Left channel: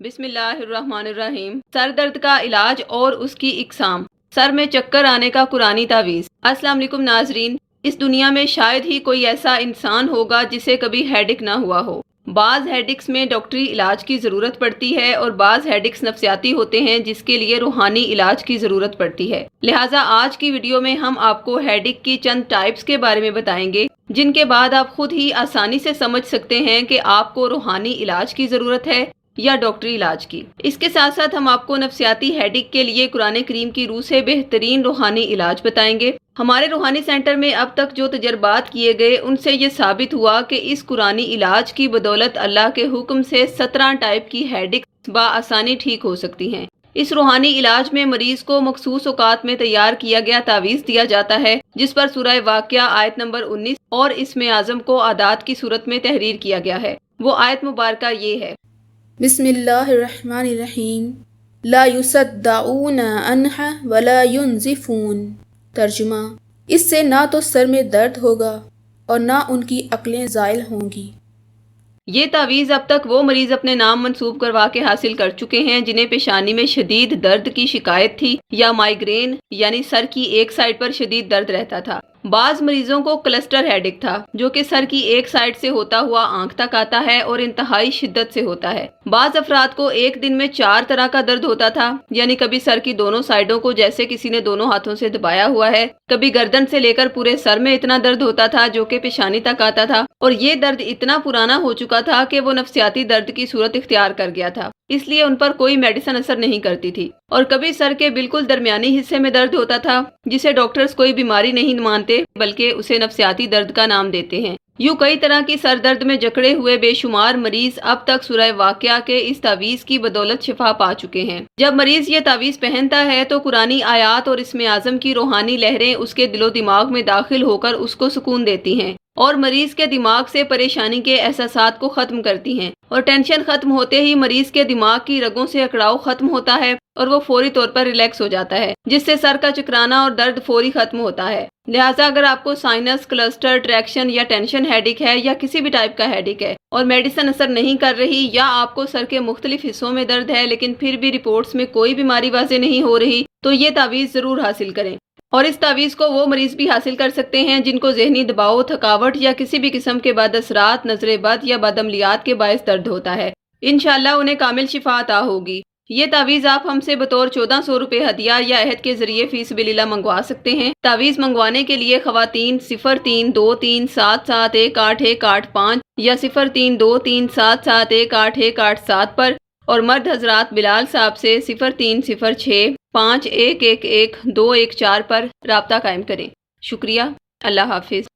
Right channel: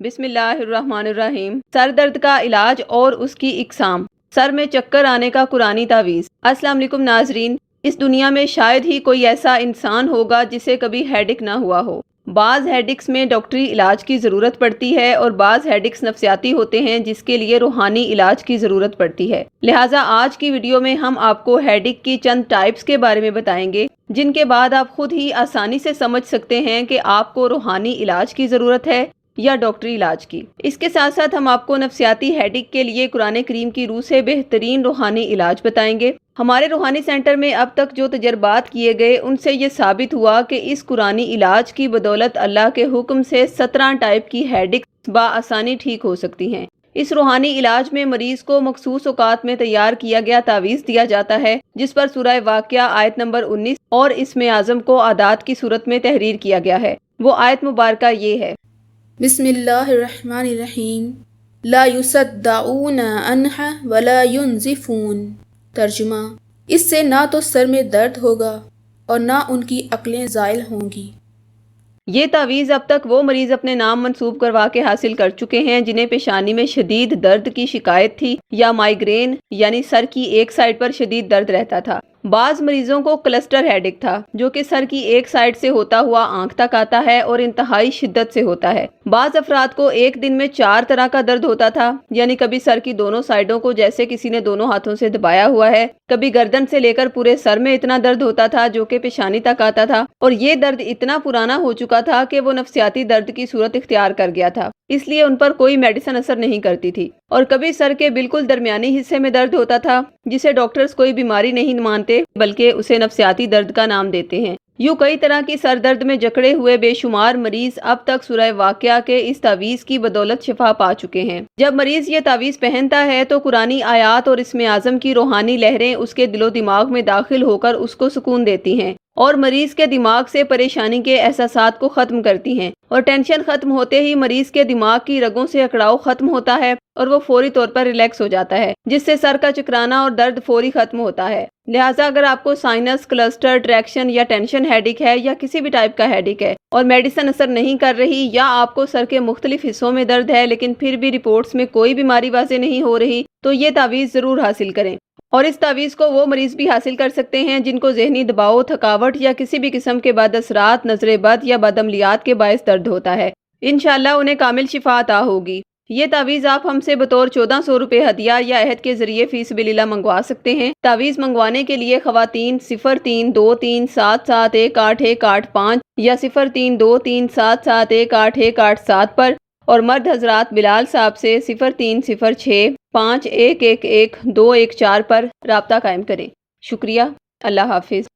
बिस्मिल्लाहिर्रहमानिर्रहीम। सर दर्द का इलाज और उसकी इकसाम। सर में चक्कर आने का कुरानी तावीज़। अस्सलाम वालेकुम नाजरीन, इस दुनिया में शायद ही कोई ऐसा इंसान होगा जिसे कभी हेडिक ना हुआ हो। बाज़ हेडिक्स में डॉक्टरी इलाज की ज़रूरत पड़ती है और बाज़ हेडिक्स नफ्सियाती होते हैं जिसके लिए रूहानी इलाज की ज़रूरत पड़ती है। लिहाजा आज की वीडियो में हम आपको हेडिक की चंद टाइप्स के बारे में बताएंगे जिनके बाद आप खुद ही आसानी से समझ सकते हैं कि आपको रूहानी इलाज की ज़रूरत है या डॉक्टरी इलाज की। इसके साथ साथ हम आपको नफ्सियाती हेडिक के लिए कुरान करीम की रूह से बेहतरीन रूहानी इलाज बताएंगे। हमारे रूहानी सेंटर में अब तक जो तजर्बात किए गए उनसे ये साबित हुआ कि इस कुरानी इलाज की बदौलत अल्लाह के हुक्म से 17 टाइप की हेडिक बआसानी ठीक हो सकती हैं। इस रूहानी इलाज में मरीज को मखसूस औकात में तैयार किया गया तावीज़ दिया जाता है जिस पर सूरह वाक़िया आयत नंबर 19 और इसमें आज़म को आदात की सूरत में तहरीर किया गया है। वो आयत मुबारक ये है, बिस्मिल्लाहिर्रहमानिर्रहीम, ला युसद्दाऊन अन्हा वला युनज़िफून। तर्जुमा, इससे ना तो सर में दर्द होगा और ना उनकी अक्लें ज़ाइल होंगी। ये तावीज़ अब तक वो मरीज अपने नाम मंसूब करवा के हासिल कर चुके हैं जिन्हें पेशानी में शदीद दर्द की शिकायत थी या माइग्रेन यानी सर की एक साइड पर शदीद दर्द रहता था। बाज मरीजों को क्लस्टर हेडिक था जो कि सर की एक साइड से होता हुआ आंख तक आता है और इंतहाई शिद्दत से होता है। बाज अफराद को एक दिन में 4 तरह का दर्द होता था, यानी कभी सर की दोनों साइडों को जैसे किसी ने दोनों हाथों से दबाया हुआ है, कभी गर्दन से लेकर पूरे सर में इतना दर्द होता था जो कि पेशानी तक आता था, और ये दर्द इतना पुराना हो चुका था कि वो नफ्सियाती दर्द की सूरत इख्तियार कर गया था, इसलिए उन पर कोई मेडिसिन असर नहीं करती थी। और कभी सर के बिल्कुल दरमियानी हिस्से में दर्द होता था जिसे डॉक्टर्स कोई बीमारी नहीं मानते बल्कि उसे नफ्सियाती दर्द का नाम देते हैं। यूं कई तरह की सर दर्द में जकड़े हुए बेशुमार मरीज अब तक सूरह वाक़िया के इस तावीज़ की बदौलत शिफा पा चुके हैं। जब मरीज ये तावीज़ पहनता है तो कुरानी आयात और इसमें आज़म की रूहानी लहरें उसके दिलो दिमाग में दाखिल होकर उसको सुकून देती हैं और मरीज के दिमाग से परेशानी के एहसासात को खत्म करती हैं, और टेंशन खत्म होते ही मरीज के दिमाग की रगों से अकड़ाव खत्म होता है और वो फौरी तौर पर रिलैक्स हो जाता है, जिससे सर का चकराना और दर्द फौरी खत्म होता है। लिहाजा अगर आपको साइनस, क्लस्टर, ट्रैक्शन या टेंशन हेडिक है या किसी भी टाइप का हेडिक है और मेडिसिन असर नहीं कर रही, या आपको सर के मुख्तलिफ हिस्सों में दर्द है लेकिन फिर भी रिपोर्ट्स में कोई बीमारी वाज़ेह नहीं हो रही, तो ये तावीज़ जरूर हासिल करें। और इस तावीज़ को वो मरीज भी हासिल कर सकते हैं जिनको ज़हनी दबाव, थकावट या किसी भी किस्म के बाद असरात, नजर बद या बदअमलियात के बायस दर्द होता है। इंशाअल्लाह उन्हें कामिल शिफा अता होगी। ये तावीज़ आप हमसे बतौर 1400 रुपये हदिया या अहद के जरिए फीस बिलिल्लाह मंगवा सकते हैं। तावीज़ मंगवाने के लिए खवातीन 032377181885 या 032377181887 पर, और मर्द हजरात बिलाल साहब से 030651111214 पर राब्ता कायम करें। शुक्रिया। अल्लाह हाफिज।